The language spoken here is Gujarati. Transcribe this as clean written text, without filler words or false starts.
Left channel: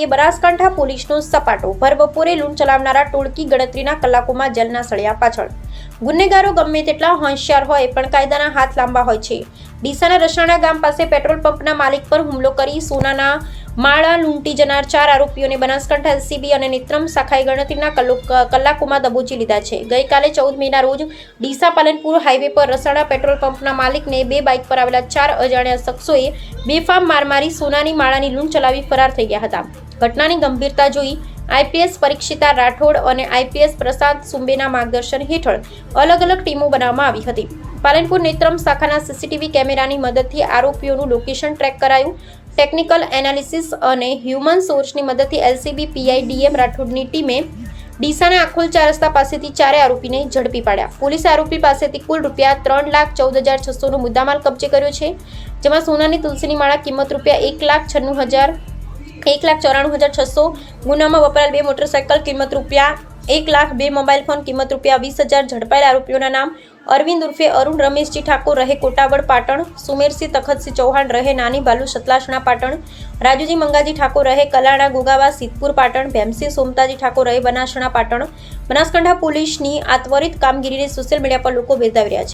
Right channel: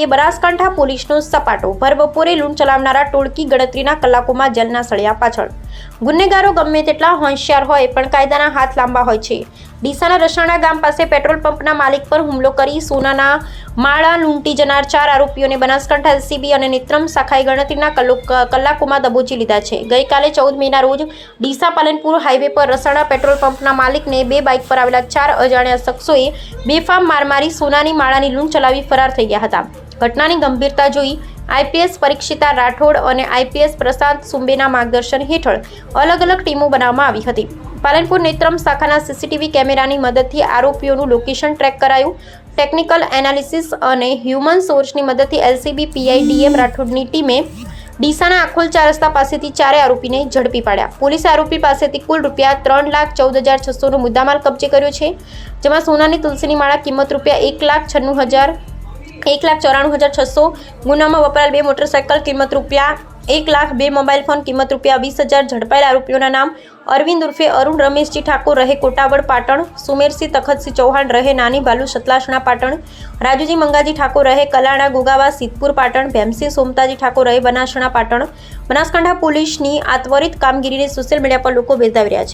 બનાવીએ બનાસકાંઠા પોલીસનો સપાટો। ભર બપોરે લૂંટ ચલાવનારા ટોળકી ગણતરીના કલાકોમાં જેલના સળિયા પાછળ। ગુનેગારો ગમે તેટલા હોશિયાર હોય પણ કાયદાના હાથ લાંબા હોય છે। ડીસાના રસાણા ગામ પાસે પેટ્રોલ પંપના માલિક પર હુમલો કરી સોનાના માળા લૂંટી જનાર 4 આરોપીઓને બનાસકાંઠા એલસીબી અને નેત્રમ શાખાએ ગણતરીના કલાકોમાં દબોચી લીધા છે। ગઈકાલે 14 મેના રોજ ડીસા પાલનપુર હાઈવે પર રસાણા પેટ્રોલ પંપના માલિકને 2 બાઇક પર આવેલા 4 અજાણ્યા શખ્સોએ બેફામ માર મારી સોનાની માળાની લૂંટ ચલાવી ફરાર થઈ ગયા હતા। ઘટનાની ગંભીરતા જોઈ આઈપીએસ પરીક્ષિતા રાઠોડ અને આઈપીએસ પ્રશાંત સુંબેના માર્ગદર્શન હેઠળ અલગ અલગ ટીમો બનાવવામાં આવી હતી। પાલનપુર નેત્રમ શાખાના સીસીટીવી કેમેરાની મદદથી આરોપીઓનું લોકેશન ટ્રેક કરાયું। ટેકનિકલ એનાલિસિસ અને હ્યુમન સોર્સની મદદથી એલસીબી પીઆઈ ડીએમ રાઠોડની ટીમે ડીસાના આખોલ 4 રસ્તા પાસેથી 4 આરોપીને ઝડપી પાડ્યા। પોલીસે આરોપી પાસેથી કુલ રૂપિયા 3,14,600નો મુદ્દામાલ કબજે કર્યો છે, જેમાં સોનાની તુલસીની માળા કિંમત રૂપિયા 1,94,600, ગુનામાં વપરાયેલ 2 મોટરસાયકલ કિંમત રૂપિયા 1 લાખ, 2 મોબાઈલ ફોન કિંમત રૂપિયા 20,000। ઝડપાયેલ આરોપીઓના નામ અરવિંદ ઉર્ફે અરુણ રમેશજી ઠાકોર રહે કોટાવડ પાટણ, સુમેરસિંહ તખતસિંહ ચૌહાણ રહે નાની બાલુ સતલાસણા પાટણ, રાજુજી મંગાજી ઠાકોર રહે કલાણા ગોગાવા સિદ્ધપુર પાટણ, ભેમસિંહ સોમતાજી ઠાકોર રહે બનાસણા પાટણ। બનાસકાંઠા પોલીસની આ ત્વરિત કામગીરીને સોશિયલ મીડિયા પર લોકો બિરદાવી રહ્યા છે।